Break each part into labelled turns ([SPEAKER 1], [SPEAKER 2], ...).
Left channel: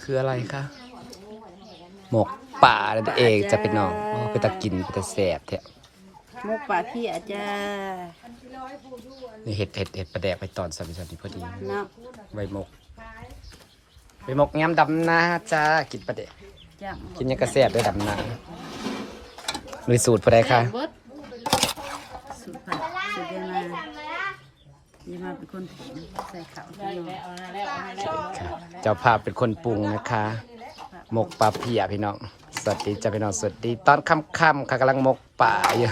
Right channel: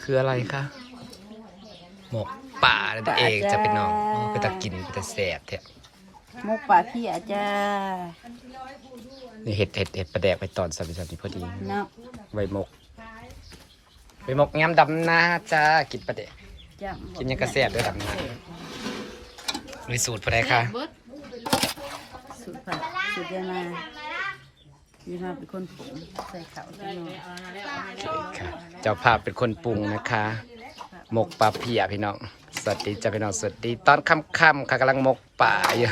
[SPEAKER 1] คืออะไรคะหมกป่านั่นเองจะเป็นน้องอ๋อคือตะกินคือตะแสบเถอะ
[SPEAKER 2] มุกปลาพี่อาจ้า
[SPEAKER 1] นี่เห็ดเห็ดเห็ดประแดกไปตอนสัมผัสนี่พอดี
[SPEAKER 2] เนาะ
[SPEAKER 1] ใบหมกใบหมกงามดำนาจ้ากินประแดก
[SPEAKER 2] จัง
[SPEAKER 1] กินยังกระแสบด้วยดำนาลุยสูตรพอได้ค่ะ
[SPEAKER 2] สุดผัดสุดยามา นี่มาเป็นคนผงใส่ข้าวที่นอน
[SPEAKER 1] ค่ะเจ้าภาพเป็นคนปรุงนะคะ หมกปลาเพียพี่น้อง สวัสดีจ้าพี่น้องสวัสดี ตอนค่ำๆค่ะกำลังหมกป่าอยู่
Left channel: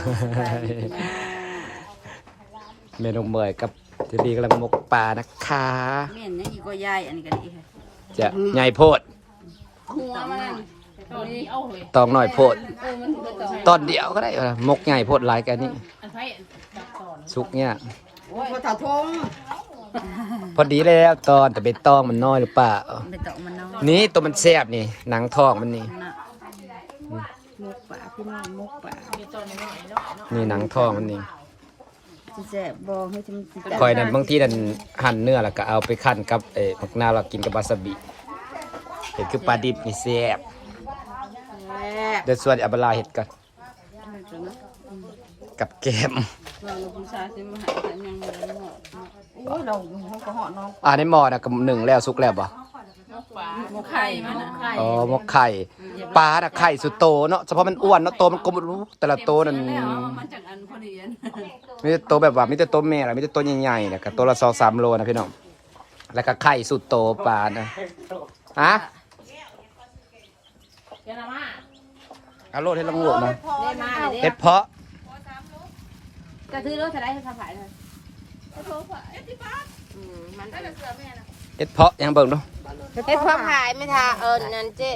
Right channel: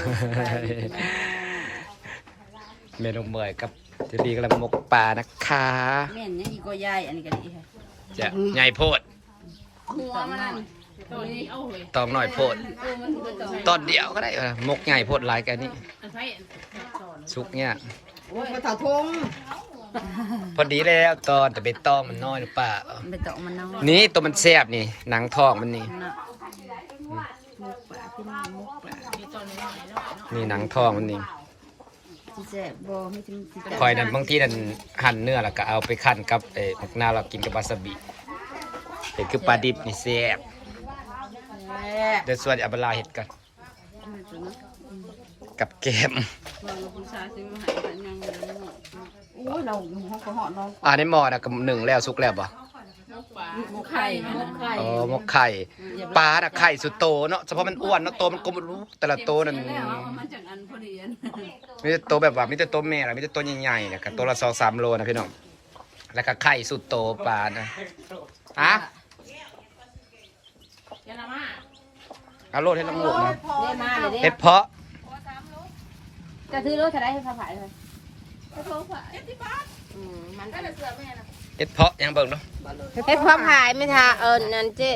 [SPEAKER 1] เมนูเมยกับเจดีกำลังหมกป่านะคะ
[SPEAKER 2] แม่นยังอีกก็ยายอันนี้ก็ดีค่ะ
[SPEAKER 1] จะใหญ่โพด
[SPEAKER 2] สองหน่อย
[SPEAKER 1] ตองหน่อยโพด ตอนเดียวก็ได้เออหมกใหญ่โพดหลายกันนี่สุกเนี่ย
[SPEAKER 3] โอ้ยมาถาทง
[SPEAKER 1] พอดีแล้วตอนแต่เป็นตองมันน้อยหรือเปล่า
[SPEAKER 2] ไปตอกมันน้อย
[SPEAKER 1] นี่ตัวมันแซ่บนี่ หนังทองมันนี่
[SPEAKER 2] นะมุกปลาพี่น้องมุกปลา
[SPEAKER 1] นี่หนังทองมันนี่
[SPEAKER 2] ที่แซ่บบ่ให้ทำสิ
[SPEAKER 1] คอยนั้นบางทีนั่นหั่นเนื้อแล้วก็เอาไปคั่นกับเอ่อผักนาวเรากินกับวาซาบิเห็ดคือปลาดิบนี่แซ่บเดี๋ยวส่วนอับลาเห็ดกัน กับแกม
[SPEAKER 2] ผู้ชายที่มาหาแต่ยังยังโอ้ยเราห้องก็เหาะน้อง
[SPEAKER 1] อ่าในหม้อนะกับหนึ่งแล้วสุกแล้วบ่
[SPEAKER 2] มุกไข่มันนะไข่
[SPEAKER 1] อ๋อหมกไข่ปลาน่ะไข่สุดโตเนาะเฉพาะมันอ้วนเนาะโตมันกลมรู้แต่ละโตนั่น
[SPEAKER 2] มันจากอันพอดีอัน
[SPEAKER 1] มีแต่โตแบบว่ามีแต่โตแม่ละมีแต่โตใหญ่ๆนะกับตัวละสองสามโลนะพี่น้องแล้วก็ไข่สุดโตปลานะฮะเอาโลดให้ลังหวกมา
[SPEAKER 3] ได้มาเลย
[SPEAKER 1] เห็ดเพาะ
[SPEAKER 3] กระทือรถจะได้ให้เขาขายเลย
[SPEAKER 1] เห็ดเพาะยังเบิ่งดู
[SPEAKER 3] เฮ็ดข้าวขายไม่ทาเออนั่นเจ๊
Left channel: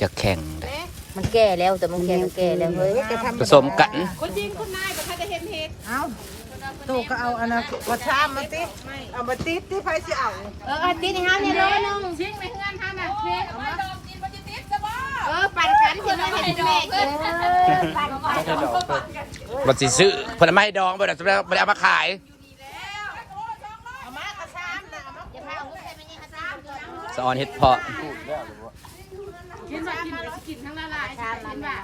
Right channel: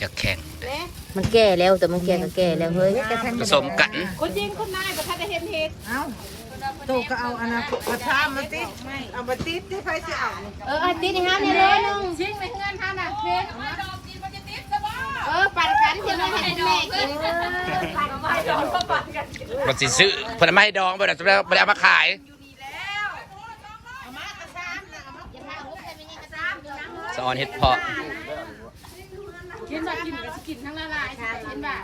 [SPEAKER 1] จะแข่งเด้อ
[SPEAKER 3] มันแก่แล้วแต่มันแก่ก็แก่แล้วเฮ้ย
[SPEAKER 1] ผสมกัน
[SPEAKER 4] โตก็เอาอันนั้นกระชามมาติเอามาติดที่ใครจะเอา
[SPEAKER 3] เอออาทิตย์นี้ฮะเนี่ยโลนึงชิงไปเฮือนทำน่ะเพ่ เออปั่นกันเพื่อนให้แม่กินเออปั่นกัน
[SPEAKER 1] รสีซื้อผลไม้ดองบ่ได้บ่ได้เอามาขายสอนเห็ดเพาะ
[SPEAKER 3] กินแบบกินกินทั้งละลายกินแบบ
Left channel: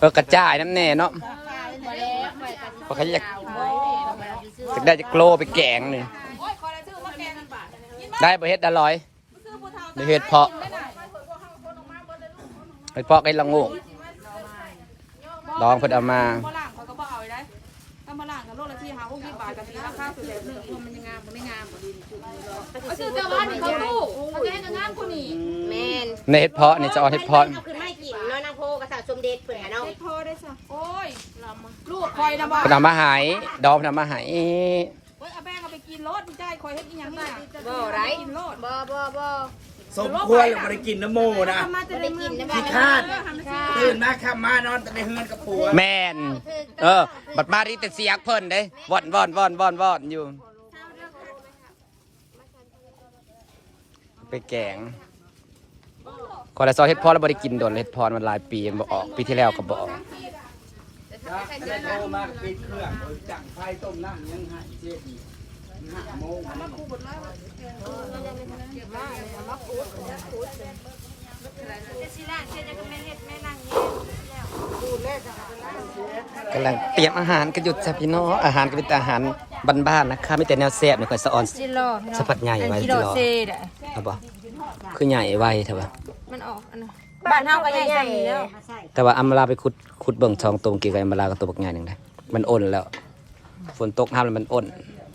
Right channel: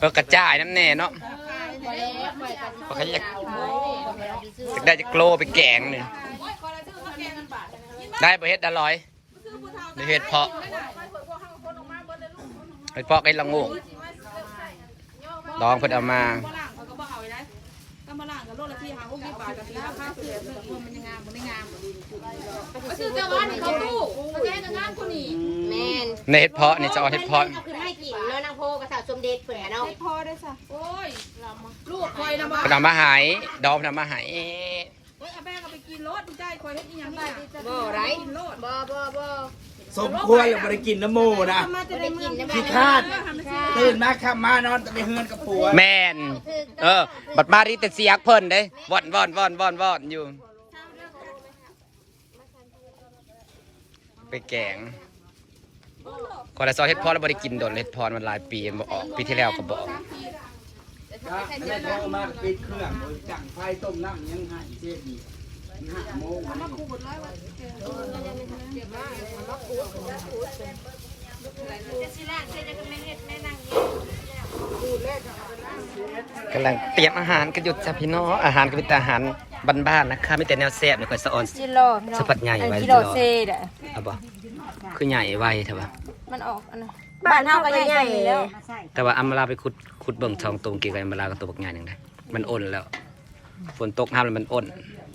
[SPEAKER 1] เออกระจายน้ำแน่เนาะ
[SPEAKER 3] พอ
[SPEAKER 1] เขาอยากอยากได้จะโกลไปแกงเนี่ยได้บ่เฮ็ดอร่อยได้เฮ็ดเพาะ เฮ็ดเพาะไอ้ละโงกดองเพิ่นเอามา
[SPEAKER 3] ซื้อเจ้าบ้านนี่เขาลูกเขาแย่งกันงานคนนี้แม่น
[SPEAKER 1] ในเฮ็ดเพาะนี่จะเอาเฮ็ดเพาะ
[SPEAKER 3] เอาขึ้นไม่กินเนาะนางโพกระสาสมเด็จเผื่อเนาะพ่อได้จ้ะโอ้ยลำลูกคอยนะบ่
[SPEAKER 1] เพิ่นเอามาใหายดองเพิ่นเอามาใหาย
[SPEAKER 3] บ่ไรบ่บ่บ่
[SPEAKER 4] สมควรเลยบริกินน้ำโมนะ
[SPEAKER 3] จะได้กินได้ไหม
[SPEAKER 4] ขี้คาดตื่นมาขับมานอนแต่ในเฮือนกับผัว
[SPEAKER 1] แม่นเออ บัดมารีแต่เสียกเพิ่นเด้ว่อนว่อนว่อนว่อนว่อนอยู่ ไปแกงคอเลสเตอรอลเฮ็ดเพอแล้วบ่ได้กินโดนเฮ็ดเพอมันหลายปีมันบ่ออกปีที่แล้วก็บ่ออก
[SPEAKER 4] มาปิดเครื่องจังไฟต้มน้ำยังไงเจ๊ดีห้าโมง
[SPEAKER 1] กำลังเตรียมอาหารกันอยู่จ้ะพี่น้องอาหารก็เป็นแต่อาหารบ้านๆนะคะมีแต่แนวแซ่บนี่ค่อยสะออน
[SPEAKER 3] จิโร่
[SPEAKER 1] สะพัดใหญ่ไว้
[SPEAKER 3] จิ
[SPEAKER 1] จิ
[SPEAKER 3] โร่
[SPEAKER 1] รอ
[SPEAKER 3] เซดะ
[SPEAKER 1] เอาบ่คือใหญ่ไว้เถอะบ่
[SPEAKER 3] มันออกอันนั้นบ้านเฮาก็ใหญ่ๆแล้ว
[SPEAKER 1] แต่ว่าอัมราไปขุดขุดเบิ่งทองตรงกี่กับอัมราก็ตัวบักใหญ่หนึงได้ มันอ่อนแล้ว ฝนตกห้ามแล้วมันอ่อน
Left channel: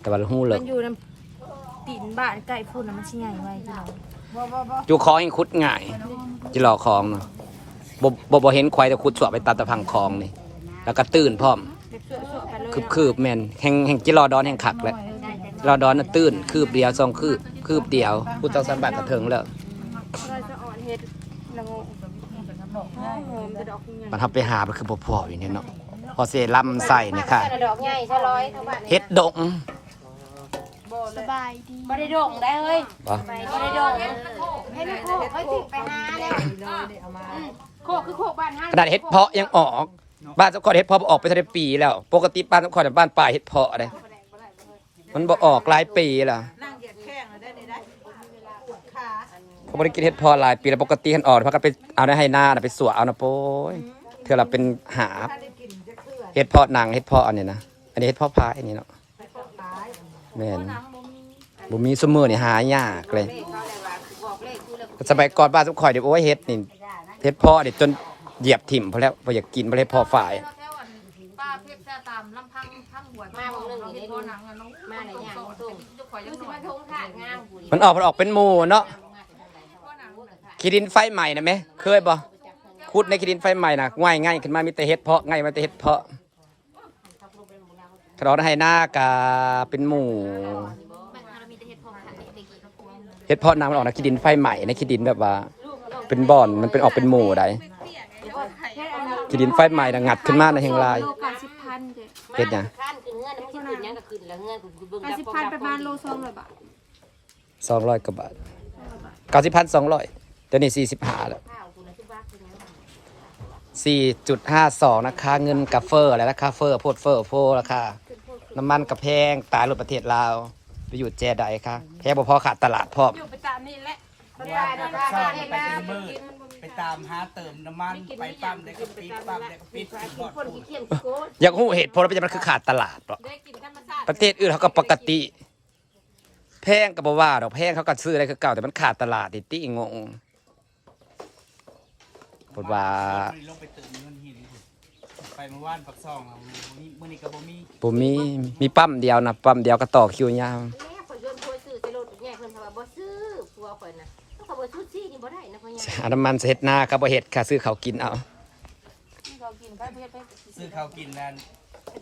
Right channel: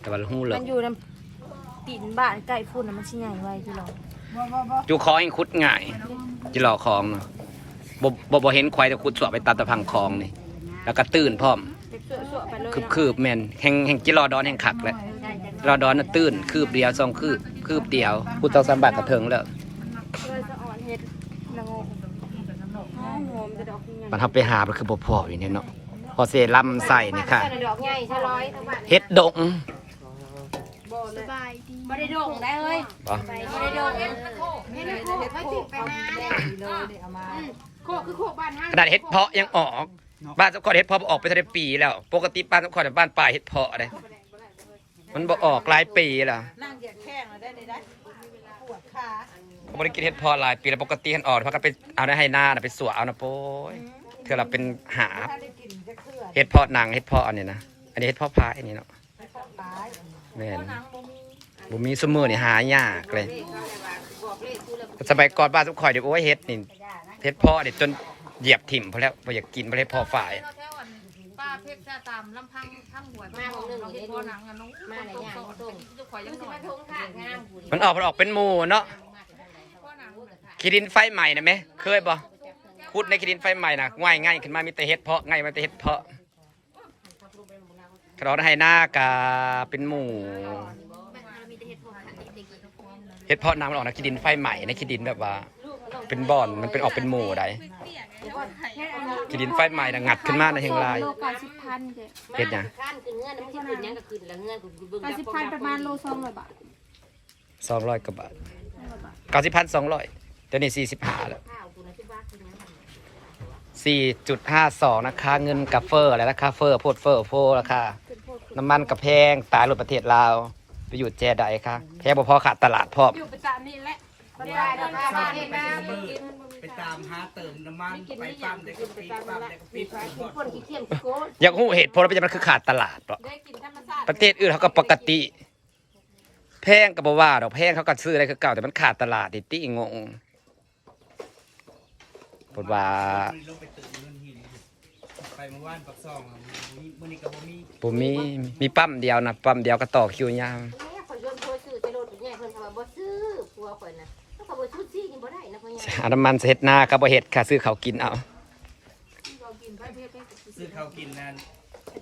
[SPEAKER 1] แต่ว่าหู้เลิ
[SPEAKER 5] มั
[SPEAKER 1] ก
[SPEAKER 5] นอยู่ในตีนบ้านใกล้พุ่นนะมันชิใหญ่ไว้พี่น้อง
[SPEAKER 1] จูคอยังขุดง่ายจิรอคลองเนาะบ่บ่บ่เห็นควายแต่ขุดสวไปตัดตะพังคลองนี่ แล้วก็ตื่นพร้อมคืบคืบแม่นแห่งแห่งจิรอดอนแห่งขักแหละจิรอดอนน่ะตื่นคืบเดียวสองคืบคืบเดียวพูดต้องสามบาทกระเทิงแล้ว
[SPEAKER 5] เราจะอ่อนเฮ็ดละโงหอมหอมแต่ดอกใหญ่
[SPEAKER 1] มันทำไปหามันคือบ่พออยู่เนี่ยเนาะพอเซรั่มใส่เนี่ยค่ะ
[SPEAKER 3] ดอกใหญ่เท่าร้อย
[SPEAKER 1] เฮ็ดดง
[SPEAKER 5] สบายดี
[SPEAKER 3] บ่ได้ดงได้เฮ้ย
[SPEAKER 1] บ่
[SPEAKER 3] บ่ได้ดงให้ลูกโคกให้ถึงไปหาเลยโคกคือโคกบ้านเฮา
[SPEAKER 1] ขนาดเฮ็ดเพาะยังออก บ้านสมคอเฮ็ดเพาะออกไปทันได้ปีแล้ว ปกติบ้านสมคอบ้านป่าเฮ็ดเพาะเลยมันบ่ออกหลายปีล่ะ
[SPEAKER 2] นั่งเหยียดแข้งแล้วได้ในได้ปวดขา
[SPEAKER 1] เขาบ่ได้กินเห็ดเพอหลายปีแล้วปกติหันอ่อนเพราะกันไปเอาได้ให้หน้าน่ะไปสวเอานะโป้ยเธอเราเป็นหาบ
[SPEAKER 2] ถ้าได้กินจะเคลื่อน
[SPEAKER 1] เห็ดเพาะหนังเห็ดเพาะอันนี้นะ อันนี้เห็ดเพาะพายอันนี้เนาะ
[SPEAKER 2] ไม่ต้องตาย
[SPEAKER 1] แม่นบ่มีซุมื้อนี่หายากเลย
[SPEAKER 3] เลขเขาเลยว่าบอกเลขกูแล้ว
[SPEAKER 1] สมัยก่อนบ้านทุกข่อยเดี๋ยวโอ้ยเฮ็ดนี่เฮ็ดเพาะนี่จนเหยียบถิ่มพอแล้วบ่อยากกินบ่ได้พอฝ่าย
[SPEAKER 5] แถวอันป้าเพชรจะตามลำพังพังหัวมาบางนึงเราเห็นพ่อหนังอะน้องมาในย่างตุ้งทุกข่อยยัง
[SPEAKER 3] สิ
[SPEAKER 5] น้อ
[SPEAKER 3] มายทงทางงามกู
[SPEAKER 1] มันออกมันออกเป็นหมู่เนาะ
[SPEAKER 5] พ่อหนัง
[SPEAKER 1] ขี้ดินไฟใหม่นะแม่เคยบ่ขุดในขี้ดินไฟใหม่น่ะง่ายง่ายขึ้นมามีแต่เฮ็ดเพาะง่ายมาแต่เฮ็ดเพาะ เขาได้ให้หน้ากาเป็นหมู่เฮ็ดเพาะน้ำมันออกในขี้ดินไฟใหม่ในขี้ดินแบบว่า เป็นบ่อนมันเป็นออกเป็นหมู่ใดขี้ดินไฟใหม่น่ะงัดขึ้นมาในแห่งลาย
[SPEAKER 5] โลเก้าสิบพันเจ๊
[SPEAKER 1] เฮ็ดหยัง
[SPEAKER 3] ข้านคือเงื่อนมันสิขึ้นยังก็ขึ้นแล้วเงื่อนกูเบิ่ง
[SPEAKER 5] เก้าสิบพันประมาณโลสองร้อยบาท
[SPEAKER 1] 200กว่าบาท90,200เดี๋ยวนี้45แล้ว
[SPEAKER 3] ข้าวกูนะที่ว่าคือนะ
[SPEAKER 1] 4.52นะคะ เงินกับเฟอร์อะไรราคาเฟอร์โพดเฟอร์โฟราคา น้ำมันกับแพงตายรถประเทศลาว ไปอยู่แจใดค่ะแพงบ่พอขาดตลาดพร้อม
[SPEAKER 5] อยู่ประจำนี่แหละ
[SPEAKER 3] ได้นะคะได้นะไปกิน
[SPEAKER 4] ไปตามหาเติมน้ำมันไปปั๊มได้ก็ปิดปั๊มได้ก็ปิด
[SPEAKER 3] กินคนขี้เกียจขี้โก้
[SPEAKER 1] อยากรู้เหตุผลว่าเป็นมันคือขาดตลาดบ่
[SPEAKER 5] ได้กินธรรมชาติ
[SPEAKER 1] ประเทศอื่นเขาก็ปกติ แพงก็บ่ว่าดอกแพงเขาก็ซื้ออะไรคือเก่าแต่มันขาดตลาดดิติงงปดว่า
[SPEAKER 4] ลงไปตึกเงินหินไปเมื่อวานปักซองมื้ อนี้ก็บ่มี
[SPEAKER 1] บ่มีมีปั๊มเดียวนะปั๊มเดียวก็ต่อคิวยาว
[SPEAKER 3] แม่ข่อยชวนพ่อซื้อแต่รถเนี่ยเพิ่นเขาว่าบ่ซื้อผัวข่อยน่ะเขาก็บ่ซื้อซี่นี่บ่ได้นะพ่อใหญ่
[SPEAKER 1] หาน้ำมันเฮ็ดหน้าครับบ่เฮ็ดค่ะซื้อเขาวกินเอา
[SPEAKER 5] เรากินข้าวเพชรไป
[SPEAKER 4] ซื้อข้าวกินนั่น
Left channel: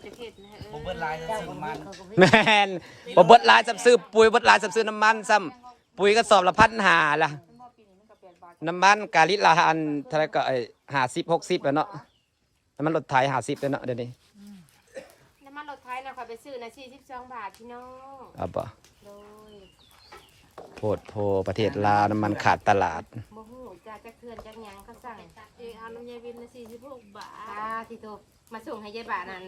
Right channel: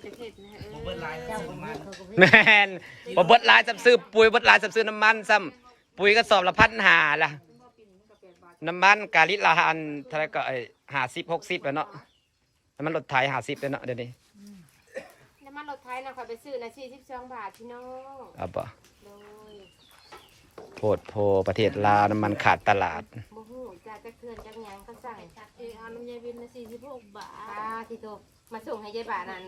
[SPEAKER 5] จะเพชรนะเอ
[SPEAKER 4] บ่
[SPEAKER 5] อ
[SPEAKER 4] เบิดหลายซื้อน้ำมัน
[SPEAKER 1] แม่นบ่เบิดหลายซ้ำซื้อปุ๋ยเบิดหลายซ้ำซื้อน้ำมันซ้ำปุ๋ยก็สอบละพันหาล่ะน้ำมันกาลิตรละอันเท่าไหรก็ไอ้ห้าสิบหกสิบแล้วเนาะน้ำมันรถไถห้าสิบแล้วเนาะเดี๋ยวนี้
[SPEAKER 3] น้ำ มันรถไทยนะข่อยไปซื้อนะ42บาทพี่น้อง
[SPEAKER 1] เอาบ่
[SPEAKER 3] โดย
[SPEAKER 1] โพดโพประเทศลาวน้ำมันขาดตลาด
[SPEAKER 3] บ่ฮู้จ้าจักเทือนจักหยังเขาสั่ง
[SPEAKER 5] เออเอาน้ำยาวินนะสี่สิบหกบาท
[SPEAKER 3] ป้าที่โตมาส่งให้ยายบานั่น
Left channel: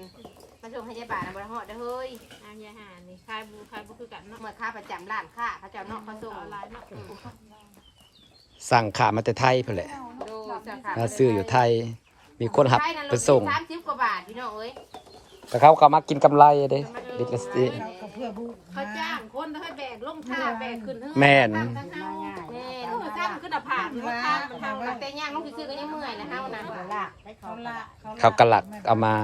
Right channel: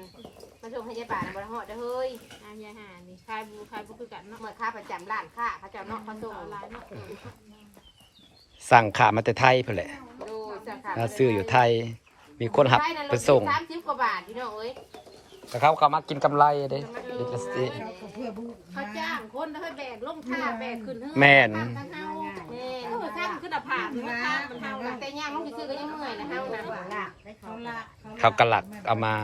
[SPEAKER 3] มาส่งให้ยายบานั่นบ่ได้ฮอดเด้อเฮ้ย
[SPEAKER 5] อายาหานี่ขายบูขายบูคือกันเนาะ
[SPEAKER 3] เมื่อค้าประจำร้านค้าเขาเจ้าเนาะเขาส่ง
[SPEAKER 5] ออนไลน์เนาะ
[SPEAKER 1] สั่งขามาแต่ไทยเพื่อแหละ
[SPEAKER 3] ดูจ้าค่ะ
[SPEAKER 1] แล้วซื้ออยู่ไทย มีคนหับไปส่ง
[SPEAKER 3] สามสิบกว่าบาทพี่น้องเอ้ย
[SPEAKER 1] แต่เขาก็มากินกำไรเด้ดิสตี
[SPEAKER 5] เขาจ้างคนให้แบกลงท่าแบกขึ้นเฮ้
[SPEAKER 1] แม่น
[SPEAKER 5] ทั้งเฮา
[SPEAKER 3] แม่
[SPEAKER 5] เออถ้ามันขึ้นอะผ่านมันทางมันเฮา
[SPEAKER 3] ตั้งแต่ย่างลงซื้อๆก็ยังเมื่อยนะเฮานะ
[SPEAKER 2] เขาละ
[SPEAKER 1] เขากระหลักเอามา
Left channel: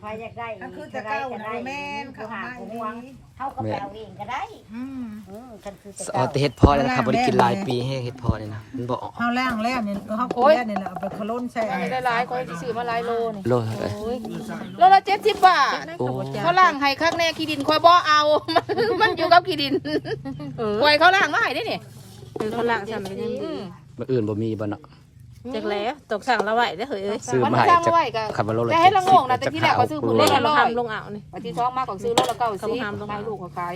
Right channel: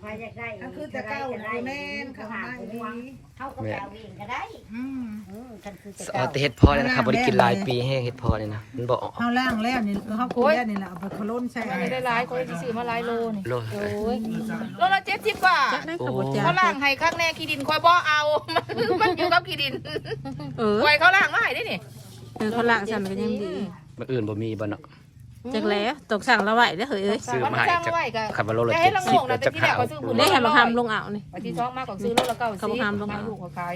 [SPEAKER 6] ใครอยากได้
[SPEAKER 2] อันคือจะเก้าหนูแม่นเขามาอีก
[SPEAKER 6] เขาก็ไปเอาเองก็ได้
[SPEAKER 2] อืม
[SPEAKER 6] อืมกันคือจะ
[SPEAKER 1] เอาแต่เฮ็ดพอเลยนะครับบริกินหลายปีให้เฮ็ดพอเลยนะมันบอก
[SPEAKER 2] เขาล่างแล้วนี่เขาคุยแล้วนี่แหละเอาไปขลุ่นใส่
[SPEAKER 5] ได้หลายคนที่ซื้อมาหลายโลนี่
[SPEAKER 1] โลเอ้ย
[SPEAKER 5] โลละเจ็ดสิบบาท
[SPEAKER 1] โอ้
[SPEAKER 5] เขาล่างให้ข้างแน่ขี้ดินคอยบ่เอา มันอยู่กับขี้ดินคอยเขาล่างมาให้ได้นี่
[SPEAKER 2] เขาล่างสั่นไปยังดี
[SPEAKER 1] มันอื่นบ่มีบ่เนาะ
[SPEAKER 2] จักแล้วตกสั่งละไหวได้อเฮ้ย
[SPEAKER 1] ซื้อมาให้จากขับมาโลละ
[SPEAKER 5] แต่
[SPEAKER 1] เจ็
[SPEAKER 5] ให้
[SPEAKER 1] ด
[SPEAKER 5] เรา
[SPEAKER 1] สิ
[SPEAKER 5] ง
[SPEAKER 1] บ
[SPEAKER 5] ง
[SPEAKER 1] แล้
[SPEAKER 5] นะ
[SPEAKER 1] ว
[SPEAKER 5] แต่
[SPEAKER 1] จะ
[SPEAKER 5] ที่แร
[SPEAKER 1] ขากว
[SPEAKER 5] ก็ซื้อ
[SPEAKER 1] ปลู
[SPEAKER 5] เล
[SPEAKER 1] ก
[SPEAKER 5] ขละทำลุงเอานี่ที่ท้องมากกว่าซื้อโลละเก้าสิบขายลูกเขาขาย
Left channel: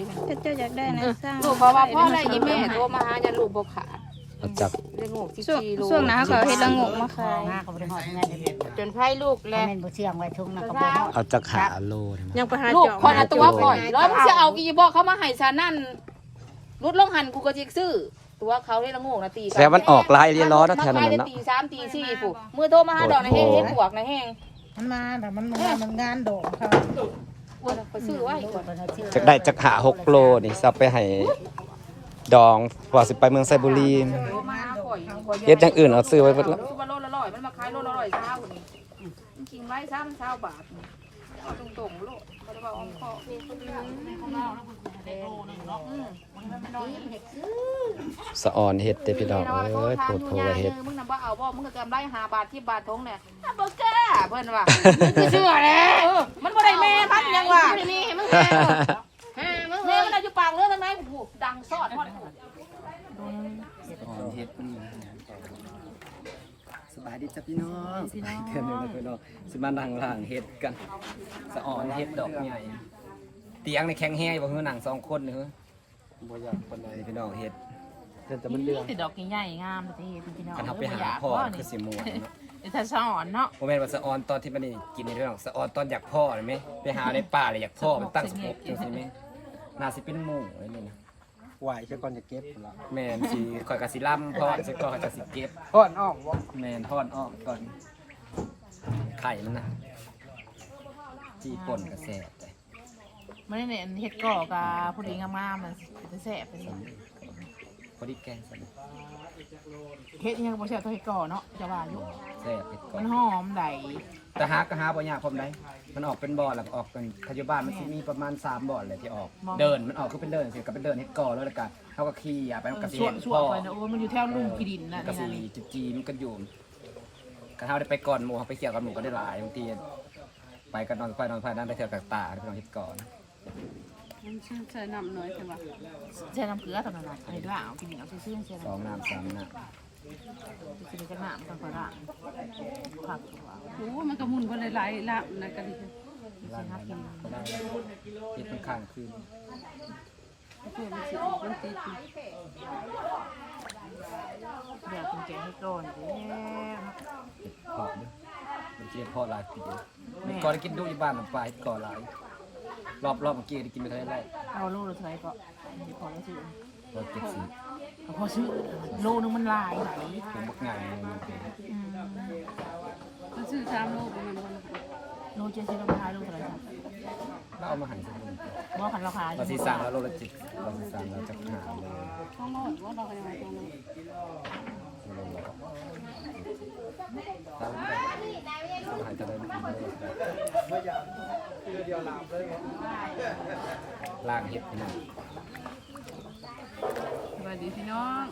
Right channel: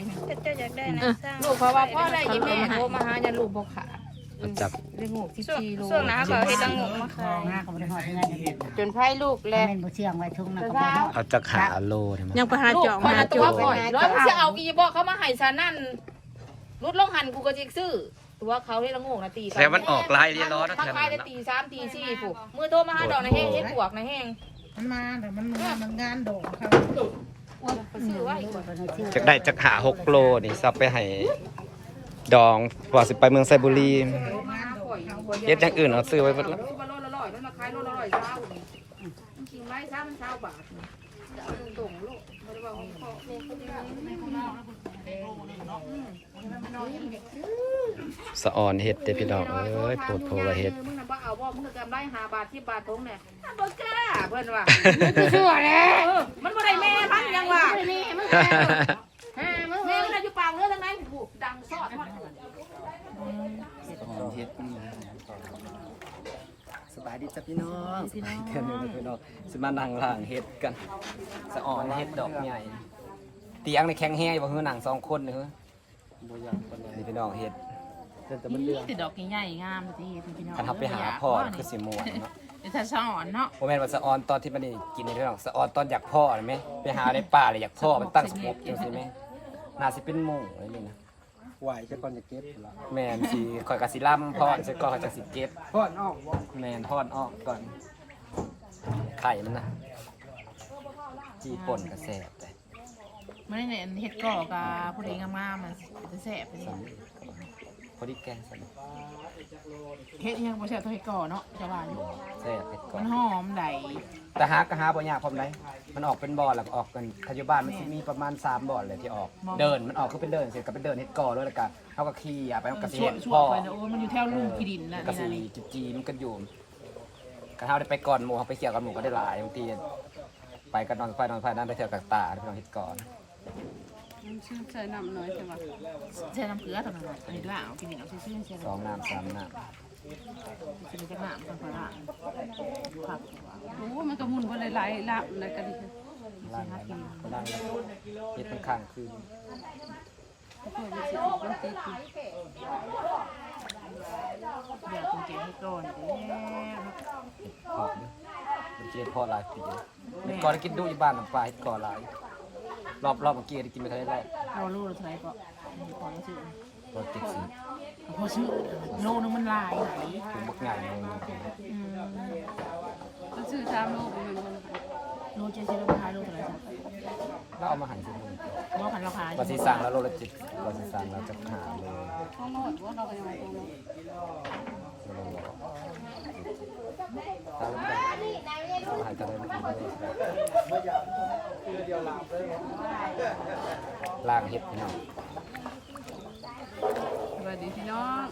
[SPEAKER 5] ลูกเขาว่าพ่ออะไรกี่แม่โทรมาหาอย่าลูกบ่ขา
[SPEAKER 1] เอาจาก
[SPEAKER 5] ได้หกสิบสี่โล
[SPEAKER 6] ช่วงนั้นเขาเฮ็ดละงงมาขายมาก็บ่ได้ฮอดยังไง
[SPEAKER 3] จนไพ่ลูกเลย
[SPEAKER 6] แม่นบ่เชื่องไว้ทุ่งนะก็บ่ฮอด
[SPEAKER 1] เอาจากหาโลนี่มา
[SPEAKER 2] ยังไปหา
[SPEAKER 5] ลูก
[SPEAKER 2] เจาะ
[SPEAKER 5] คอยเอาตัวปล่อยแล้วมึงจะเอาอีบอกเขามาให้ชานั่นรุดลงหันกูก็จิกซื้อ ตัวเขาได้ละงงนะตี
[SPEAKER 1] แต่มันออกลายเรียนล้อนะแถวนั้น
[SPEAKER 5] มั
[SPEAKER 1] เนาะ
[SPEAKER 5] ตีสามตีสี่ผูกมือโทรมาหาดอกในแห้งเฮ็ดบวกในแห้ง
[SPEAKER 2] มันมาแต่มันมามันงานโดดเขา
[SPEAKER 5] ไปซื้อไว้
[SPEAKER 1] จากได้จากหาหกโลนี่ซับไปให้ดองพอสิไปเมืองไซบุรีเฮ็ดอย่างอื่นเอาซื้อไว้เบิดแล้ว
[SPEAKER 5] มาโลละร้อยมันมาขายโลละร้อยเช้าจริงๆไว้เช้ามันเช้าบาทเอาตรงๆโลบ่ได้บอกของพ่อเพิ่นคนเดียว
[SPEAKER 1] สะออนเฮ็ดเด้อพี่น้องเอ้ยโพดโพว่าเฮ็ด
[SPEAKER 5] มึงน่ะบ่เอาบ่มึงก็จำได้5บาท10บาททงเนี่ยบ่กล้าเพิ่นว่ามึงเชื่อแล้วมันบ่ได้แม่พันยังว่า
[SPEAKER 3] ไม่ได้มีให้มึงแพ้ฮ่ามึง
[SPEAKER 5] แม่
[SPEAKER 3] เอ้ย
[SPEAKER 5] มันอยู่ปากเรือทางไหนหูดังซอดฮอด
[SPEAKER 1] เฮ็ดสบายดีจ้ะพี่น้องสบายเดือนนึงนะพี่น้องสิมานั่งล่างเฮ็ดกัน สะออนเฮ็ดดอกใหญ่เตียงในแข็งแห้งบ่ฮือหนังสองคนเด้อนี่พี่น้องเฮ็ด
[SPEAKER 2] นี่คือดอกใหญ่ๆงามสิพี่น้อง
[SPEAKER 1] คันทับไปหาพ่อคือสิม่วนเนาะ
[SPEAKER 2] ไอ้ท่านสอนเนาะ
[SPEAKER 1] โมแมนว่าสะออนตอนที่มันนี่กินนี่เรื่องสะออนตอนอยากพ่อเลยไหมไปหาในป่าเลยอยากพ่อมันตั้งสมบจังสิไหมน่าสิเป็นหมู่ไอ้นี่นะ
[SPEAKER 4] ไหวจะก่อนจะเก็บละ
[SPEAKER 1] แมนสิคอยกะสิล่ำพ่อใส่ก่อนคอยกะสิเก็บ
[SPEAKER 4] พ่อนออกวะ
[SPEAKER 1] แมนพ่อนออกก่อนไข่มันนะจีป่นกระแสบไป
[SPEAKER 2] ไม่ได้เนี่ยเฮ็ดก่อกับผู้ดีงามๆมันจะแสบไปนี่
[SPEAKER 1] พ อดีแกงสัน
[SPEAKER 2] เฮ็ดยังบ่แซ่บเท่าเฮ็ดก่อเนาะจะว่าอยู่
[SPEAKER 1] แสบไปก่อ
[SPEAKER 2] มันนหอมได้
[SPEAKER 1] แต่หาก็หาบ่ยากพร้อมได้มันออกเป็นบ่อแล้วก็ออกเป็นปัจจุบันมันสิมีประมาณ3บ่อเลยที่ออก เดินมันออกคือเป็นเดินเสร็จก็เป็นเดินเฮ็ดก่อแล้วแล้วก็เฮาก็ขี่อะไปเฮาก็สิ
[SPEAKER 2] ช่ว
[SPEAKER 1] เห็น
[SPEAKER 2] ช่ว
[SPEAKER 1] พ่อ
[SPEAKER 2] ไปนะโอ้ยมันอยู่แถวลุงขีดินน่ะ
[SPEAKER 1] ก็
[SPEAKER 2] นี่
[SPEAKER 1] สิ
[SPEAKER 2] นะนี่
[SPEAKER 1] จุจีมันกันอยู่ก็เฮาได้ไปก่อนหมู่เฮาไปเที่ยวกับหมู่ก็ได้หลายบางทีไปก็นอนไฟนอนไฟนั้นไปเที่ยวกับตาไปนอนเฮ็ดก่อน
[SPEAKER 7] มันชื่อใส่น้ำน้อยใช่ปะ
[SPEAKER 2] ใส่น้ำเกลือตอนนั้นน่ะอันนี้ล่างเอากินเอาซื่อๆใส่
[SPEAKER 1] สอง
[SPEAKER 2] น้ำ
[SPEAKER 1] น้ำสามน้
[SPEAKER 2] กินจักน้ำต้องขอด่างครับตัวเอา
[SPEAKER 7] โอ้มันก็มุนบ่หลายๆละนะก็ดีำ
[SPEAKER 1] ล่างน้ำก็ล่างแล้วเฮ็ดมันข้างคืน
[SPEAKER 7] เพื่อมันสิออกมันติดนะ
[SPEAKER 2] เดี๋ยวกินแกงให้ก่อนเด้เนาะ
[SPEAKER 1] พอเด้อมันสิเฮ็ดพอหลายทีเดียวเฮ็ดก่อนได้กินดูอยู่บ้านน้ำปลาเฮ็ดก่อนหลาย รอบรอบเมื่อกี้ได้กินไปเท่าไหร่แล้ว
[SPEAKER 2] เอาโลละเท่าไหร่ก็นี่พอแล้วซื้อ
[SPEAKER 1] รอบเจ็ดสิบ
[SPEAKER 2] ก็พอซื้อโลนึงมันหลายหลาย
[SPEAKER 1] เป็นบักใหญ่เลย
[SPEAKER 2] อืม
[SPEAKER 7] มันชื่อชามโลบ่แม่นบ่นะคะ
[SPEAKER 2] โลเจ็ดสิบเราขายโลเท่าไหร่จ้ะ
[SPEAKER 1] แล้วเอามาหั่นสมุน
[SPEAKER 2] ว่าพันเราขาย
[SPEAKER 1] ว่าสิสั่งแล้วโลละจิตว่าสิสั่งแล้วจะหาเลย
[SPEAKER 7] ต้องโลดบ่เราก็ยังว่าต้องโลด
[SPEAKER 1] โลละร้อยข้าวลูกได้ก็หายจะได้ไม่อิ่มเลยล่างเฮ็ดพี่น้อง
[SPEAKER 7] สวัสดีพี่น้อง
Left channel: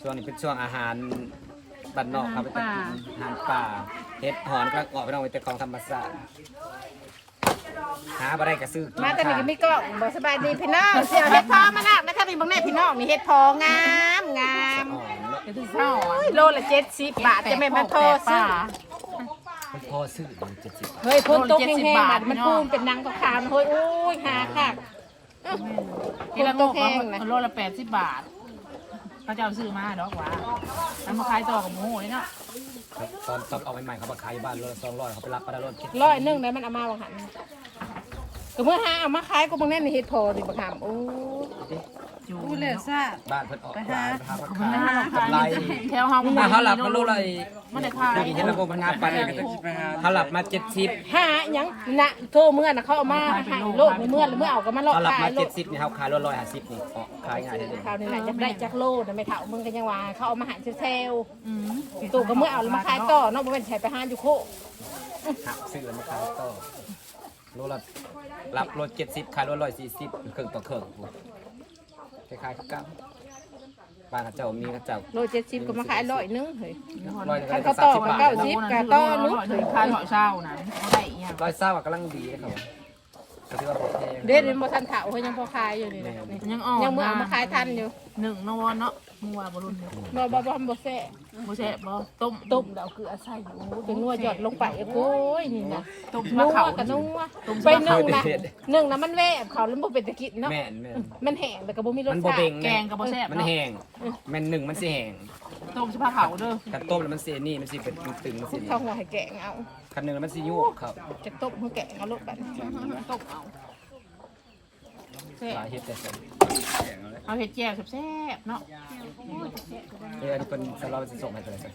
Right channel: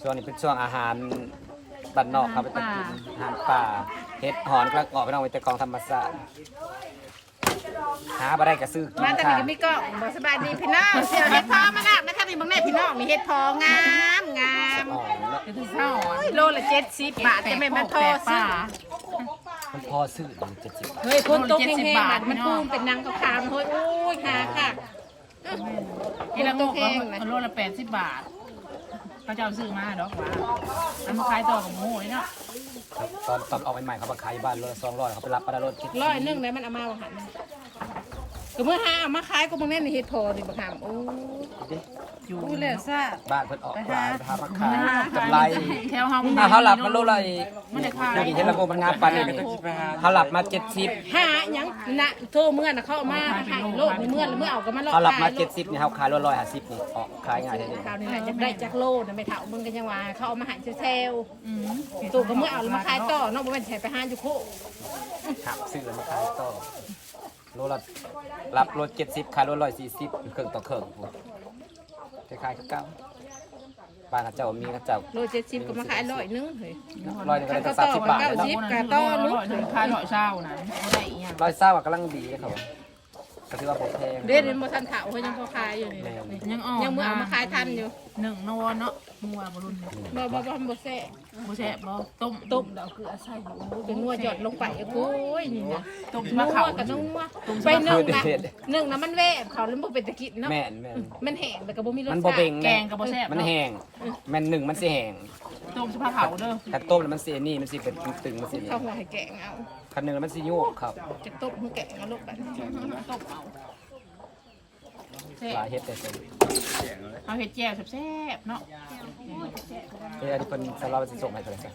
[SPEAKER 1] ช่วงนี้เป็นช่วงอาหารบ้านนอกครับไปตัดกินอาหารป่าเฮ็ดหอนกระเกาะพี่น้องไปแต่กองธรรมศาสตร์หาบ่ได้ก็ซื้อกิน
[SPEAKER 6] มาแต่
[SPEAKER 1] ค่ะ
[SPEAKER 6] นี่ไม่ก็บอกสบายดีพี่น้องเสียวเฮ็ดพอมาแล้วนะคะนี่บางแม่พี่น้องนี่เฮ็ดพองามงาม
[SPEAKER 1] อ่อนเนาะ
[SPEAKER 2] เป็นที่เศร้าอะ
[SPEAKER 6] โลละเจ็ดสิบบาทจะไม่มาทอซื้อ
[SPEAKER 1] มันพอซื้อมันเจ็ดสิบ
[SPEAKER 6] เฮ้ยคนตกแห้งๆบาทมันปูนเป็นนางขาวๆนะเฮ้ยโอ้ยหาค่ะ
[SPEAKER 2] กิโลงกก็โลละแปดสิบบาทเขาจะเอาซื้อมาดอกว่าแล้วมาขายต่อกับหมูนี่เนาะ
[SPEAKER 1] ครับตอนตอนออกใหม่ๆเขามาขายบ้านรถสองร้อยเขาไปรับมาได้รถ
[SPEAKER 6] ร้อยหนึงเลยมันเอามาบางหันก็เพื่อหาเอามาขายก็บางแน่นี่เฮ็ดพอดิบักหามโอ้
[SPEAKER 2] อยู่
[SPEAKER 7] กูแล้วซ่า
[SPEAKER 1] บ้านเพิ่นออก
[SPEAKER 7] ไปหา
[SPEAKER 1] หามาขายกำไร
[SPEAKER 2] แถวเฮามัน
[SPEAKER 1] ถ้าเขาหลับมันโลละ
[SPEAKER 2] มันได้ขาย
[SPEAKER 1] เห็นระบบมันงานปันเลยเขาหลับมาเจ็ดสิบ
[SPEAKER 6] หาหยังนะโทรเมื่อน่ะเขาเอามาให้โลกเมื่อแล้วเมื่อเอาก็มาลอก
[SPEAKER 1] เขาหลับมา
[SPEAKER 6] ขายโล
[SPEAKER 1] เจ็
[SPEAKER 6] ก
[SPEAKER 1] ดสิบนี่เขาขายร้อยร้อยห้าสิบนี่ออกขายง่ายเลย
[SPEAKER 6] คราวนี้น่ะจะได้จากโลนะไม่เท่ามึงกันยังว่าเขาเอามาใหายเซล
[SPEAKER 2] อืม
[SPEAKER 6] ตู่ก็เมื่อเอามาขายต่อเนอกจากใช้ไปหาอยู่โค
[SPEAKER 1] หักซื้อแล้วมาขายต่อโลละรับรถเจ็ดสิบขายรถร้อยสี่สิบเครื่องต่อเครื่องปุ๊บ คล้ายๆกับเก้าบ้านเขาเจ้ามีเขาเจ้า
[SPEAKER 6] โลเจ็ดสิบก็มาขายร้อยนึงเฮ้ย
[SPEAKER 1] ร้อยหนึงก็ได้
[SPEAKER 6] ก็
[SPEAKER 1] ตั้ง
[SPEAKER 6] ต่
[SPEAKER 1] สาม
[SPEAKER 6] อ
[SPEAKER 1] สิบบาท
[SPEAKER 6] เก้า
[SPEAKER 1] เลย
[SPEAKER 6] สิ
[SPEAKER 1] เนาะ
[SPEAKER 6] บ
[SPEAKER 2] ก็ต้อร้อยหนึ่งขายร้อยเช้านั้นเขาได้อีหยัง
[SPEAKER 1] ร้อยเศร้าอะกำลังดีนะครับผม ก็ถือว่าโอเค
[SPEAKER 6] เด็ดมันบ่ทันเถาเฮ้ยยังพอขายอยู่นี่
[SPEAKER 1] แม่น
[SPEAKER 2] ยังอ่อน
[SPEAKER 6] ยังเมื่อเอามาขายทันอยู่
[SPEAKER 2] หนึ่งนวเนาะงัวบรุนเลย
[SPEAKER 6] บ่บ่บ่บ่แซ่
[SPEAKER 2] บ่ใช่บ่ต้ม
[SPEAKER 6] ต้มดอกเกลือใส่อยู่เป็นงัวหยอดลงไปโอ้ยนี่นะ
[SPEAKER 2] ต้ม
[SPEAKER 6] นั
[SPEAKER 2] มะ
[SPEAKER 6] ว
[SPEAKER 2] เขา
[SPEAKER 6] กับนัว
[SPEAKER 2] ต้ม
[SPEAKER 6] ไป
[SPEAKER 2] มะ
[SPEAKER 6] นึ่
[SPEAKER 2] เขา
[SPEAKER 6] งนะนึ่งนะมันแวบเขาแล้วบ่เป็นตะกินเนาะ
[SPEAKER 1] แม่นแม่น
[SPEAKER 6] มันแห้งแต่ก็บ่มีรส
[SPEAKER 1] มัน
[SPEAKER 6] ชา
[SPEAKER 1] บ่เบ่
[SPEAKER 6] ติ
[SPEAKER 1] ง
[SPEAKER 2] แกงกับบ่แซ่บ
[SPEAKER 1] มัน
[SPEAKER 2] เนาะ
[SPEAKER 1] แห้งแม่นหนึ่งมันสิแห้ง
[SPEAKER 2] ต้มสิผ้าเขาเด้อ
[SPEAKER 1] กันต้มแล้วมันสินี่มันสิเป็นตึงๆมันสินี่
[SPEAKER 6] เข้าหัวให้แกงเอา
[SPEAKER 1] คันหนึ่งมันสิยุ่งครับ
[SPEAKER 6] จะต้มให้แกงเอาลดไป
[SPEAKER 2] ต้มเอาแซ่
[SPEAKER 1] หลา
[SPEAKER 2] บ
[SPEAKER 1] ยเฮ็ดแต่เป็น
[SPEAKER 2] เอาเห็ดแจ่วแซ่บๆเนาะ
[SPEAKER 1] เอออันนี้เป็นสำหรับสิส่งให้กันเลยจ้ะ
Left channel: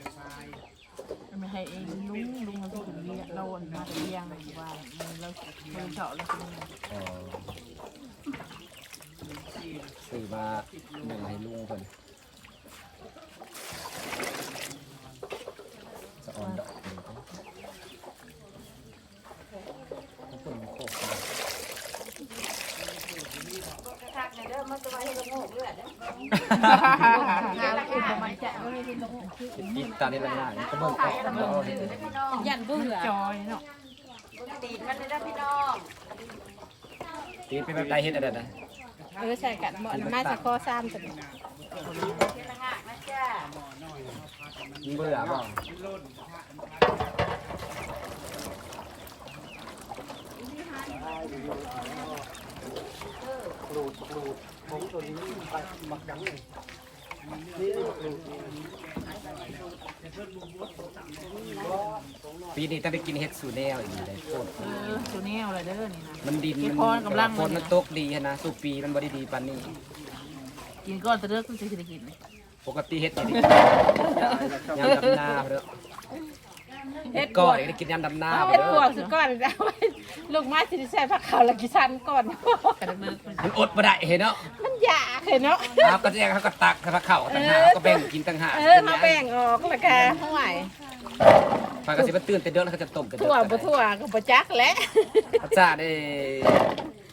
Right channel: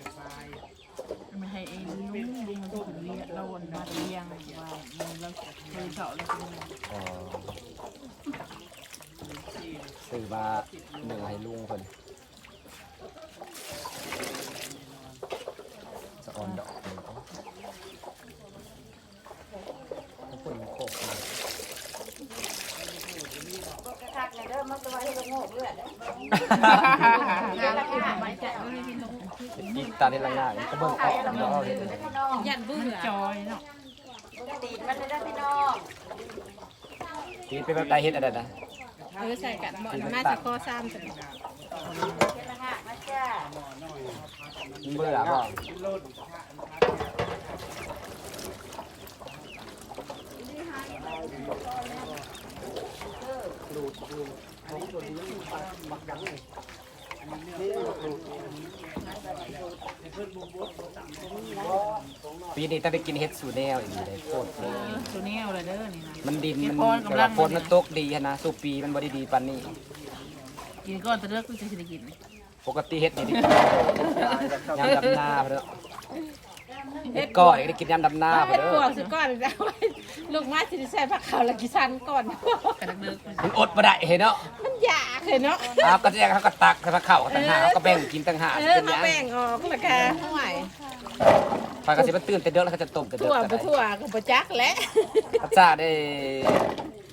[SPEAKER 2] ไม่ให้ไอ้ลุงลุงเขาที่คนเลี้ยงเราอันมาแต่เลี้ยงว่าเราบริจาคเราเป็น
[SPEAKER 1] อ๋อซื้อมาหนึ่งให้ลุงเพิ่น จะอ่อนดอกหนึ่งถ้าพูดมันโคกเลยอีกตาดีละง่ายมันก็เบิ่งออกแล้วเอาเฮ็ดเอง
[SPEAKER 6] ยันเบื่อ
[SPEAKER 2] จอยเนาะ
[SPEAKER 1] ตีเป็นแบบใดเฮ็ดอะไรนะ
[SPEAKER 6] เออใส่กันหมดมาสิคอซ้ำจัง
[SPEAKER 1] มึงเบื่อบ่
[SPEAKER 4] หลูดหลูดของตัวนี้ไปบักดังเลยนี่หลูด
[SPEAKER 1] ปีนี้ต้องได้กินเฮ็ดสูแนวอีกเลยโคตร
[SPEAKER 2] เออดูแนวเลยเด้อนี่นะ
[SPEAKER 1] มันดิน
[SPEAKER 2] เฮ็ด
[SPEAKER 1] มัน
[SPEAKER 2] พรกำลัง
[SPEAKER 1] ฝนมันตกดีหั้นนะ สูปีมันบ่ได้ดีปานนี้
[SPEAKER 2] กินก้อนตะเลิกก็จะได้กิน
[SPEAKER 1] ปกติเฮ็ดนี่ยามดำนาเด้อเฮ็ดก้อยได้กินยามดำนาเด้อ
[SPEAKER 6] ก่อนแล้วลูกไม้สิใส่ผักขาวละกี่ชั้นก่อน
[SPEAKER 2] กระเลิกมัน
[SPEAKER 1] มันอดบ่ได้เห็นเนาะ
[SPEAKER 6] มันอยากเห็นเนาะ
[SPEAKER 1] ครับก็แจ้งเขาก็ตักเขาเข้าต่างหากเขาก็แบ่งกินต่างหาก
[SPEAKER 6] เออ
[SPEAKER 1] เป็นห
[SPEAKER 6] มา
[SPEAKER 1] ยัง
[SPEAKER 6] แบ่งออกละแกห่วย
[SPEAKER 1] ปลากระสิบตื่นแต่เด้อแล้วเขาจะต้มแต่เด้
[SPEAKER 6] ทั่ว
[SPEAKER 1] ก็
[SPEAKER 6] บ่ทั่วก็บ่จักแหละ
[SPEAKER 1] พระเจ้าได้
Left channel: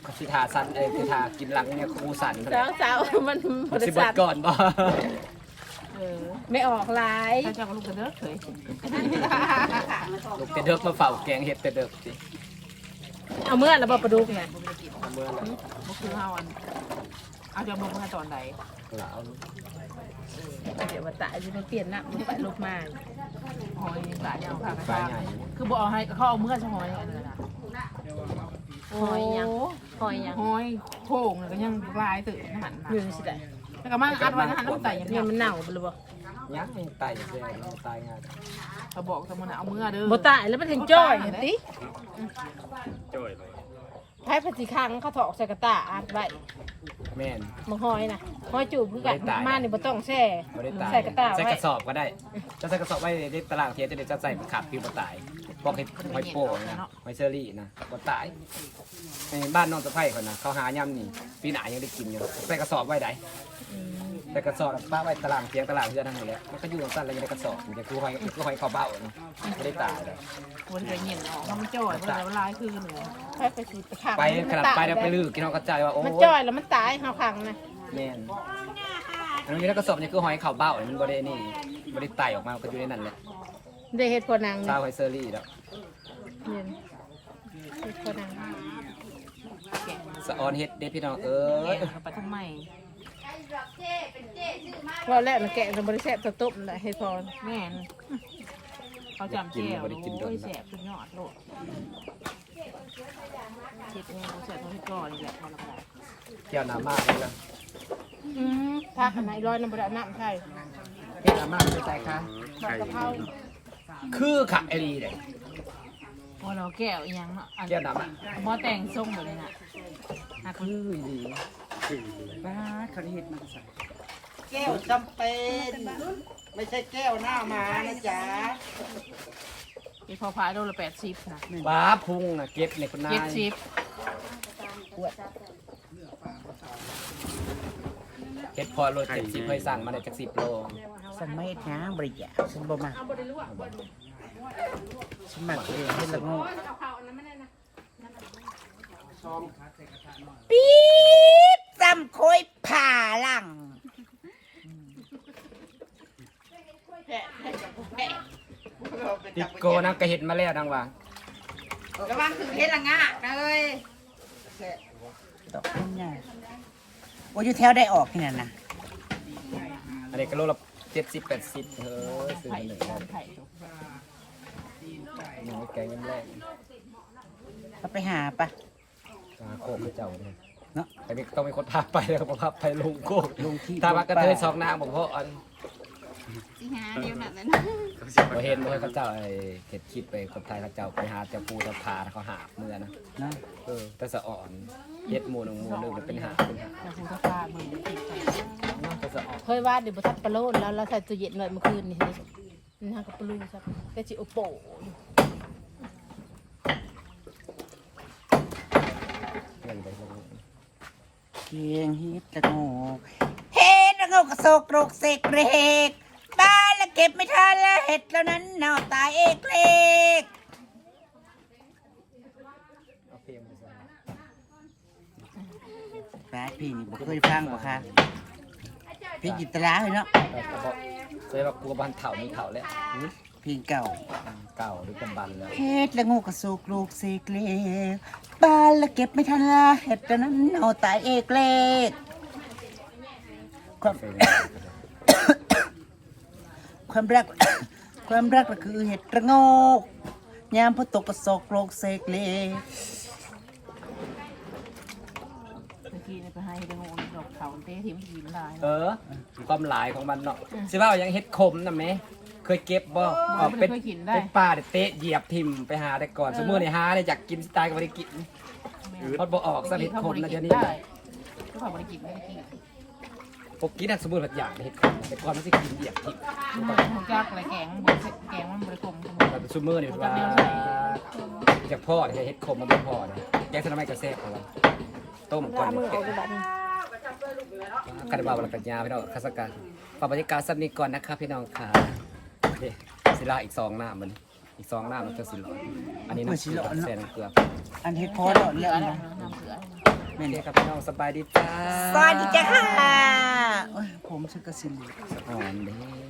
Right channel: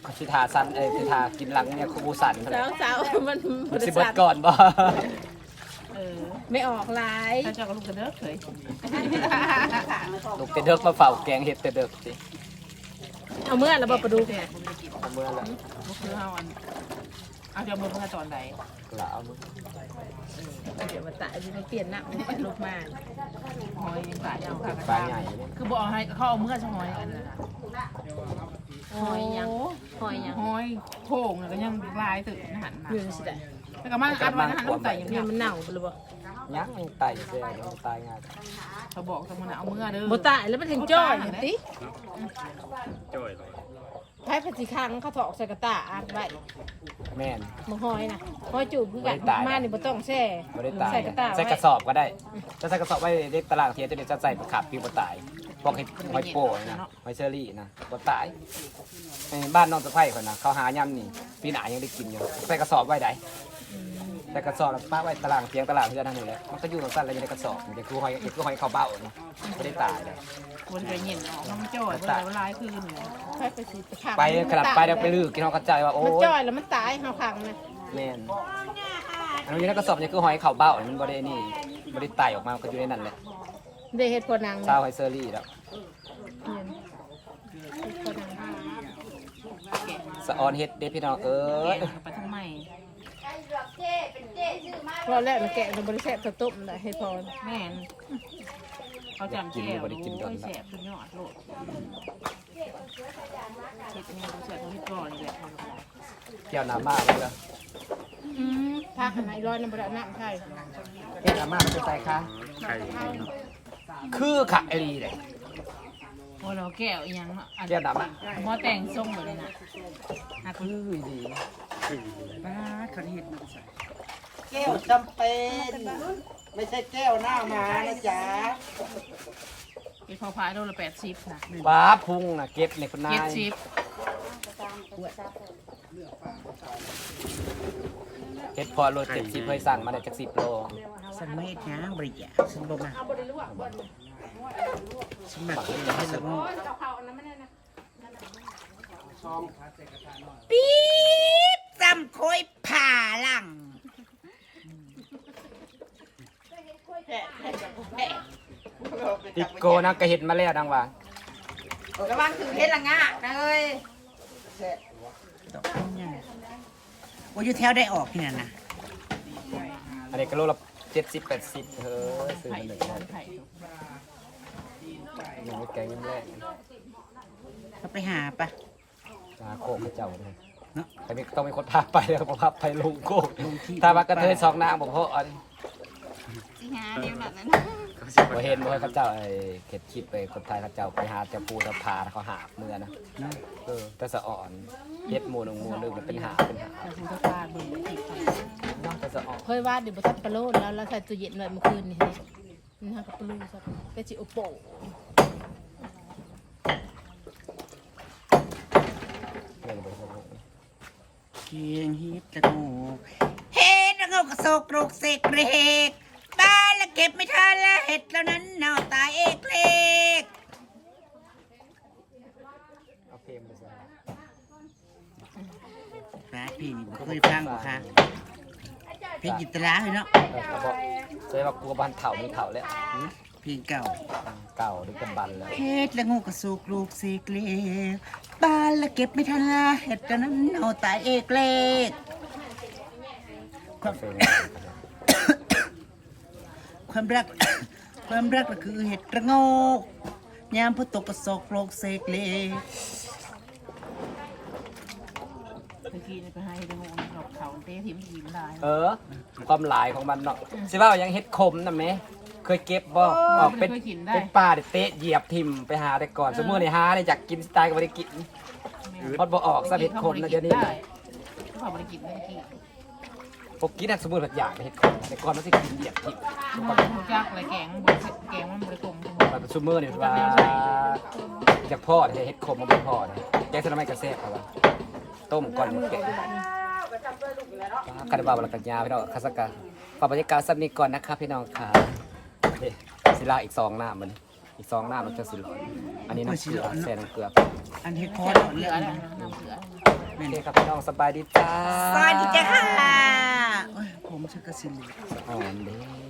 [SPEAKER 1] เขาสิทาสันเอ้ยคือทากินหลังเนี่ยครูสันเท่า
[SPEAKER 6] สาวนสาวมัน
[SPEAKER 1] มันสิเบิดก่อนบ่
[SPEAKER 2] เออ
[SPEAKER 6] ไม่ออกลาย
[SPEAKER 2] ถ้าเจ้าก็ลูกกระเลิกเคย
[SPEAKER 1] ลูกแต่เด้อมาเฝ้าแกงเฮ็ดแต่เด้อสิ
[SPEAKER 6] เอาเมื่อแล้วบ่ประดู
[SPEAKER 2] แก่บ่ได้กิน
[SPEAKER 1] เอาเมื่อไหร่
[SPEAKER 2] บ่คือเฮาอันเอาจะบ่มาตอนใด
[SPEAKER 1] ลาเอามึง
[SPEAKER 6] แต่ว่าตายจะเปลี่ยนหน้าลูกมา
[SPEAKER 2] หอยยังตายยังค่ะกระ
[SPEAKER 1] ตา
[SPEAKER 2] ชาย
[SPEAKER 1] ใหญ่อยู่
[SPEAKER 2] คือบ่เอาให้เขาเอาเมื่อจะหอยอันนั้นน่ะโอ้
[SPEAKER 6] หอยยัง
[SPEAKER 2] หอยโค้งน่ะก็ยังลายตึกนะหันน่ะ
[SPEAKER 6] ยืนสิได้
[SPEAKER 2] แล้วก็มาอัดไว้นะหันน้ำไตยัง
[SPEAKER 6] เนี่
[SPEAKER 2] ยั
[SPEAKER 6] ย
[SPEAKER 2] ง
[SPEAKER 6] มันเน่าบ่รู้บ่
[SPEAKER 1] ยังตายอยู่แซ่ยังตายง่าย
[SPEAKER 2] เขาบอกสมมุติเอาเมื่อเด้อ
[SPEAKER 6] บ่ตายแล้วมันถึงจ้อยเห็นติ
[SPEAKER 4] จ่อยเลย
[SPEAKER 6] ไผปฏิคังเขาถอกใส่กระตาอัดไว้
[SPEAKER 1] แม่น
[SPEAKER 6] บ่หอยน่ะหอยจูบคือกัน
[SPEAKER 1] บ่ได้ตาย
[SPEAKER 6] มานี่บ่ต้องแช่
[SPEAKER 1] บ่ได้ตาย
[SPEAKER 6] ใส่กระตา
[SPEAKER 1] ใส่กระสอบก็ได้จะใส่กระสอบไว้ในตารางเทียนจะได้จะใส่ขาดปีบ่ตายบอกให้หอยโป้นะหอยเชอรี่นะบ่ตายไอ้บ้านน้องสะใภ้คนนะเขาหายำนี่ปีหน้ายังได้กินอยู่ใส่กระสอบไว้ได้ ใส่กระสอบแล้วป้าไว้ตารางเทียงตารางเทือนนั่นนี่แหละมันก็อยู่สั้นแล้วยังได้กระสอบนี่คือหอยคือหอยข้าวเบ้านี่บ่ได้ตายเลย
[SPEAKER 2] บ่ได้เห็นออกมันจ่อยบ่ได้ลายคือเหนือ
[SPEAKER 6] ไผปฏิคัง
[SPEAKER 1] ไปขนาดไปแล้วไปลือกินเขากระจายว่าโอ้
[SPEAKER 6] มัน
[SPEAKER 1] ย
[SPEAKER 6] จ้อยแล้วมันตายเฮาคังนะ
[SPEAKER 1] แม่นอันนี้กระสอบนี่คือหอยข้าวเบ้านี่มันบ่ได้นี่บ่ได้ไต่ออกมาก็อยู่ในนั้นแหละ
[SPEAKER 6] ได้เฮ็ดพอนัง
[SPEAKER 1] ชาวหอยเชอรี่แล้ว
[SPEAKER 2] แกะ
[SPEAKER 1] สะออนเฮ็ดเด้พี่น้องเอ้ย
[SPEAKER 2] แกะไปทางใหม่
[SPEAKER 6] พอแล้วมันแกะมันบ่ได้แซ่บเท่าต้มน่ะเฮ็ดพอ
[SPEAKER 2] แม่นเขาจำแก้วโอ้ยแสบสุดยอดโลดเฮ็ดยังกูแสบเท่าที่ก่อนนี่แหละพอแล้วก็ได้
[SPEAKER 1] เกี่ยวน้ำมากเลยล่ะ
[SPEAKER 6] อืมถ้าขนาดร้อยนึงบ่ได้เอาน้ำไทย
[SPEAKER 1] เกี่ยวน้ำมากไปใส่ค่ะ
[SPEAKER 4] ไข่
[SPEAKER 1] คือขักไอรีเลย
[SPEAKER 2] พอเราแก้วอีหยังเนาะอัน
[SPEAKER 1] เกี่ยวน้ำอะ
[SPEAKER 2] หม้อแต่งทรงแบบนี้น่ะหัก
[SPEAKER 1] คือดี
[SPEAKER 2] บ้าเขาเฮ็ดมันก็ใส่
[SPEAKER 8] แก้วจำเป็นไม่ใช่แก้วหน้ามานะจ๊ะ
[SPEAKER 2] ไอ้พอพายโลละแปดสิบนะ
[SPEAKER 1] บ้าพุงน่ะเก็บในคนนา
[SPEAKER 2] เจ็ด
[SPEAKER 1] ย
[SPEAKER 2] สิบ
[SPEAKER 1] เก็บพอโลเจ็ดสิบเคยสั่งมาได้จากสิบโล
[SPEAKER 8] ฉันไม่นะบริจาคฉันบ่มาฉันมาเองให้สงบปี๊บจำคอยผ่าหลัง
[SPEAKER 1] ติโกนะก็เห็ดมาแล้วดังว่า
[SPEAKER 6] กำลังถึงเฮ็ดละงะนะเอ้ย
[SPEAKER 8] ดอกนี่ไงว่าอยู่แถวได้ออกเนี่ยนะ
[SPEAKER 1] อันนี้ก็โลละเจ็ดสิบแปดสิบเฮ้ยซื้อ
[SPEAKER 2] ไข่
[SPEAKER 1] มาเลย
[SPEAKER 2] ตอนไข่ตก
[SPEAKER 1] ยังไม่แกงยังแรก
[SPEAKER 8] เราไปหาปะ
[SPEAKER 1] ตาโคกให้เจ้าเลย
[SPEAKER 8] เนาะ
[SPEAKER 1] แต่มีต้องมีคนพาไปแล้วผมพาไปลงโคก
[SPEAKER 8] ลงที่
[SPEAKER 1] ถ้าว่ากระเทยสองนางผมเพราะอัน
[SPEAKER 2] สิหาเดียวนั้น
[SPEAKER 1] บ่เห็นบ่เห็นเขาเจ้าไอ้เก็ดคลิปไปคนไทยเขาเจ้าไปหาเจ้าปูเจ้าพาเขาหาบเมื่อนะ
[SPEAKER 8] เนาะ
[SPEAKER 1] เออแต่สะอ่อนเฮ็ดหมูนงหมูนึงเป็นหาเป็นหา
[SPEAKER 2] แต่ผู้ตะพาเบิ่งติดก่อน
[SPEAKER 1] เนาะแต่สะอ่อน
[SPEAKER 6] เคยว่าเดี๋ยวบ่ทันปลาโลดแล้วเราใส่ตู้เย็นไว้เมื่อคืนนี่นะกับปลาลูซะก็สิอุโปะ
[SPEAKER 1] เรื่องไปเรื่องมา
[SPEAKER 8] เพียงฮิตตะโงกเฮ็ดตะโงกกระโศกโรกเสกเรก บ้านละเก็บไม่ทันละเห็ดแล้วนั้นเน่าตายเอกเล็ก
[SPEAKER 1] เอาเพลงไปใส่
[SPEAKER 8] ฟ้าพี่นี่บ่เคยฟังบ่คะพี่จิตราเลยเนาะ
[SPEAKER 1] เออกระบอกใส่ว่ากลัวบ้านเถ่ามีเถ่าแล้ว
[SPEAKER 8] พี่เก่า
[SPEAKER 1] เก่าหรือกำบันแล้ว
[SPEAKER 8] เฮ็ดละงูกระสุกลูกเสกเล็กบ้านละเก็บไม่ทันละเห็ดแล้วนั้นเน่าตายเอกเล็กความ
[SPEAKER 1] เพลง
[SPEAKER 8] ความรัก ความรักก็คือเห็ดระโงกยามพอตกกระโศกโลกเสกเล็ก
[SPEAKER 2] คกี้ไปให้ตะโงดอกเขาเตะทิมทีมันลาย
[SPEAKER 1] เออ ความหลายของมันเนาะสิว่ายังเฮ็ดคมนำไหมเคยเก็บบ่ออกเป็นเป็นปลาเด็ดเตะเหยียบทิ่มไปหาแต่ก่อนสมมุตินี่หาได้อยากกินสไตล์ก็บ่ได้กินมันบ่ออกซะเฮ็ดคมนะเดี๋ยวนี้
[SPEAKER 2] ได้ก็ขอบริกินไม่ได้กิน
[SPEAKER 1] พวกกินน่ะสมมุติว่าอยากเฮ็ดคมนะแต่ก่อนมันสิกินเหยียบทิ่ม
[SPEAKER 2] หมูหมูจักอะไรแกงบริแกงมันบริกรม
[SPEAKER 1] มันเป็นซุมื้อนี่ว่าจากพ่อที่เฮ็ดคมมันบ่พอเลยแกงสนไม้กระแซ่บเอาว่าต้มก่อนเป็ดคาราบาวแล้วก็ยาพี่น้องคาสกาฝากบรรยากาศสักนิดก่อนนะครับพี่น้องค่ะเด้ศิลาอีกสองหน้ามันอีกสองหน้ามันจะสิร้อนอันนี้น้ำเกลือแซ่น้ำเกลือ
[SPEAKER 8] อันเฮ็ดพอแล้ว
[SPEAKER 2] เหลื
[SPEAKER 8] เรื่
[SPEAKER 2] อ
[SPEAKER 8] อง
[SPEAKER 2] อะไร
[SPEAKER 8] นะ
[SPEAKER 2] น้ำเกลือ
[SPEAKER 1] โอเคครับพี่น้องสบายดีจ้า
[SPEAKER 8] สวัสดีจ้าค่ะโอ้ยผมชักกระสิน
[SPEAKER 1] สะอ่อนเด้